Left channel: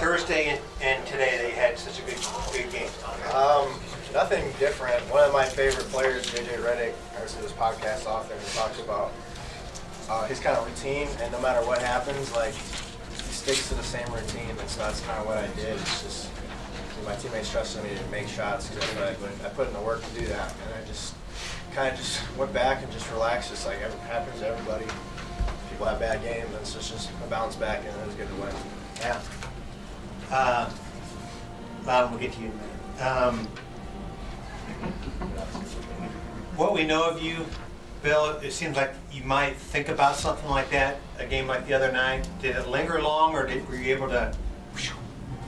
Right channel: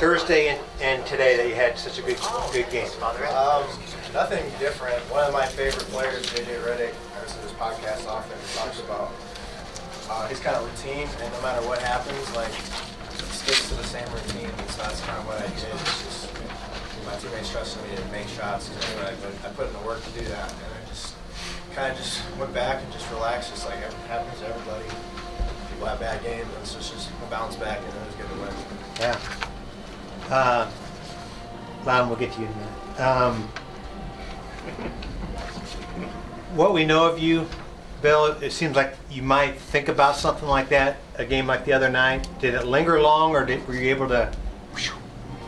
Thursday and today that you had such a good game? Nothing different. One of my favorite players, JJ Redick, I listen to his podcast often. He talks about his kind of routine, and no matter what happens, like he sticks to the same routine. And so that's kind of what I did. It's just my teammates trusted me to make shots because I put in the work to do that, and I just kind of just went back and just relaxed, just like it happens to everybody. People have bad games, and so it's just a bounce back, and it was good to win. Yeah. Loudon, we'll get to you in a minute. What we know of you, Bill, it seems like you might think about something like that, a game like the other night. Did it linger long, or were you able to?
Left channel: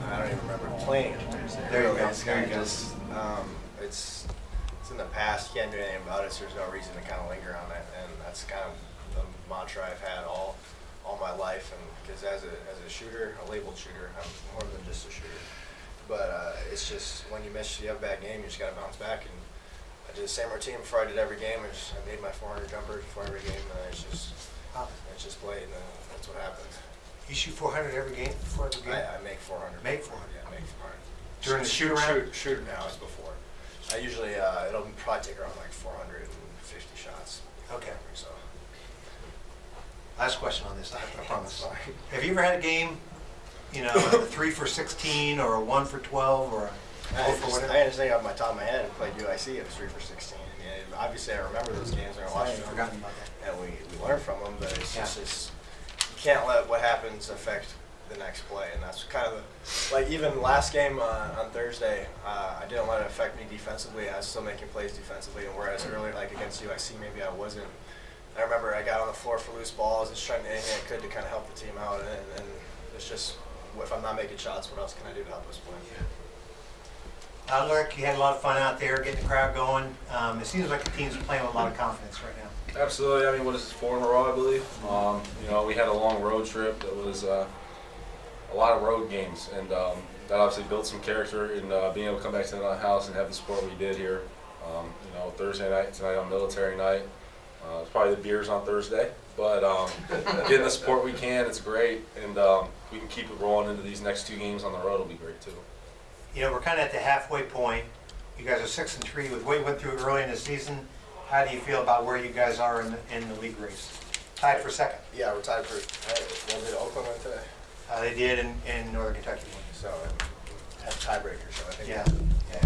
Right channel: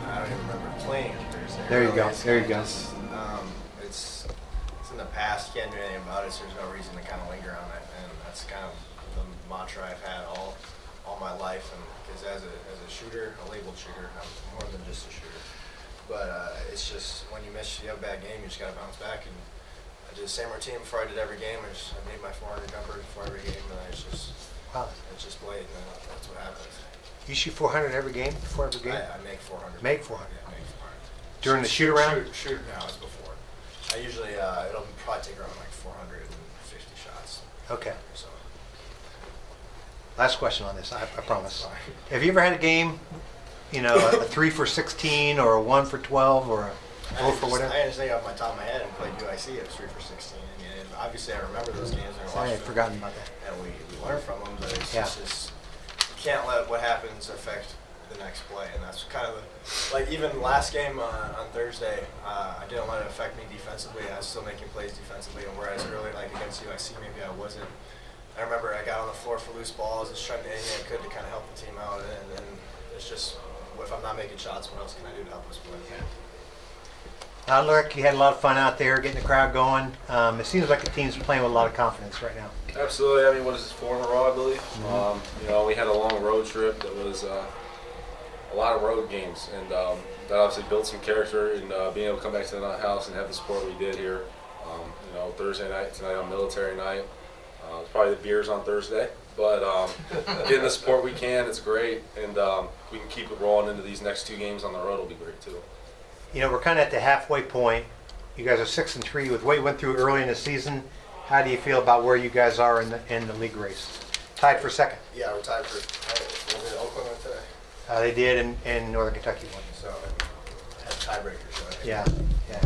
I don't even remember playing on Thursday. There you go. There you go. It's in the past. You can't do anything about it, so there's no reason to kind of linger on it. And that's kind of the mantra I've had all my life. And because as a shooter, a labeled shooter, I'm more than just a shooter. But it's just when you have a bad game, you just got to bounce back. And I did the same routine before I did every game. I made my 400 jumper before every game, and it's just played, and that's what happens. You shoot 400 every game before every game? I make 400. Make 400? Yeah, make 400. During the shoot around? Shoot now, it's before. I usually, it'll probably take around like 450 shots. Okay. So. Last question on this, I promise. Sorry. Have you ever had a game, a 3 for 16 or a 1 for 12 or a 4 for whatever? I understand off my top of my head and played UIC. It was 3 for 16. And obviously, I remember those games and I I watched had them. forgotten about that. And we learned from them, but it's Yeah. just you can't let what happens affect the next play. And that's kind of like even last game on Thursday, I didn't let it affect me defensively. I was still making plays defensively, and whereas earlier, like against UIC, maybe I wasn't. I remember I got on the floor for loose balls, just trying to do anything I could to kind of help the team out. And it's just, if I'm not making shots, what else can I do to help us play? Look, you had a lot of fun out there getting the crowd going. It seems like the team's playing with a lot of confidence right now. Absolutely. I mean, what is this, 4 in a row, I believe? Mm-hmm. We had a long road trip that was a lot of road games, and that obviously built some character in being able to come back to the house and have the support we did here. Thursday night, tonight on military night. It's probably the beers on Thursday, but getting the support we can, it's great, and we can keep it rolling into these next 2 games on the road will be great too. We're kind of at the halfway point. You guys are 6-3 with what you went through early in the season. How do you feel about where you guys are in the league race? Tied for second. Yeah, we're tied for. Did Oakland win today? They did, and Northern Kentucky won. So had tiebreakers. So I think. Yeah.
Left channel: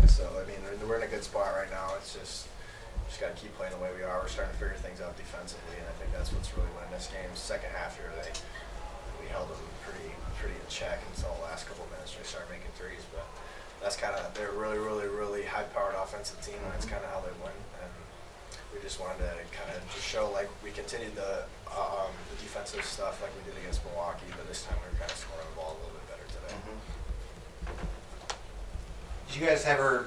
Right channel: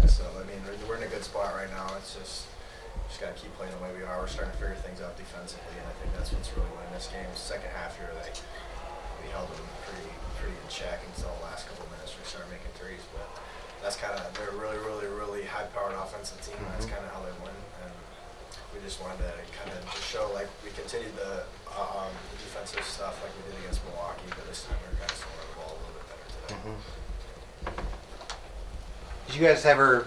So I mean, we're in a good spot right now. It's just got to keep playing the way we are. We're starting to figure things out defensively, and I think that's what's really winning this game. Second half here, we held them pretty in check until the last couple of minutes when we started making threes. But that's kind of they're a really high-powered offensive team. And that's kind of how they win. And we just wanted to kind of just show like we continued the defensive stuff like we did against Milwaukee, but this time we were kind of scoring the ball a little bit better today. Did you guys ever,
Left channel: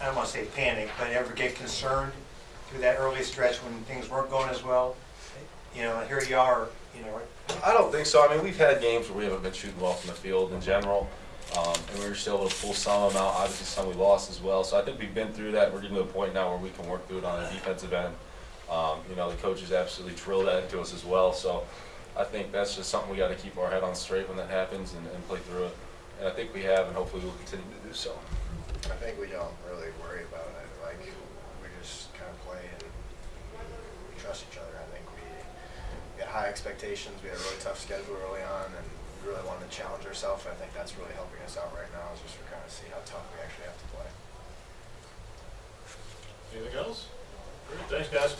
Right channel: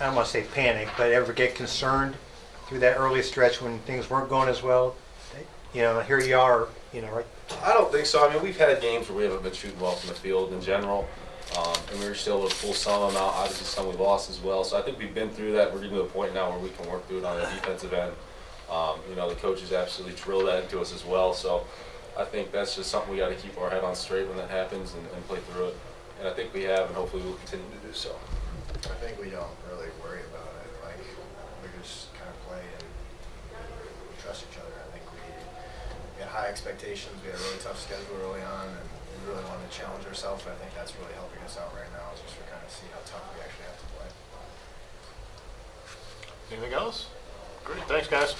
I don't want to say panic, but ever get concerned through that early stretch when things weren't going as well? Here you are, right? I don't think so. I mean, we've had games where we haven't been shooting well from the field in general, and we were still able to pull some of them out. Obviously, some we lost as well. So I think we've been through that. We're getting to a point now where we can work through it on the defensive end. The coaches absolutely drill that into us as well. So I think that's just something we got to keep our head on straight when that happens and play through it. And I think we have, and hopefully we'll continue to do so. I think we don't really worry about it. Like we just kind of play and we trust each other. I think we had high expectations. We had a really tough schedule early on, and we really wanted to challenge ourselves. I think that's really helping us out right now. Is just to kind of see how tough we actually have to play. Anything else? Great. Thanks, guys.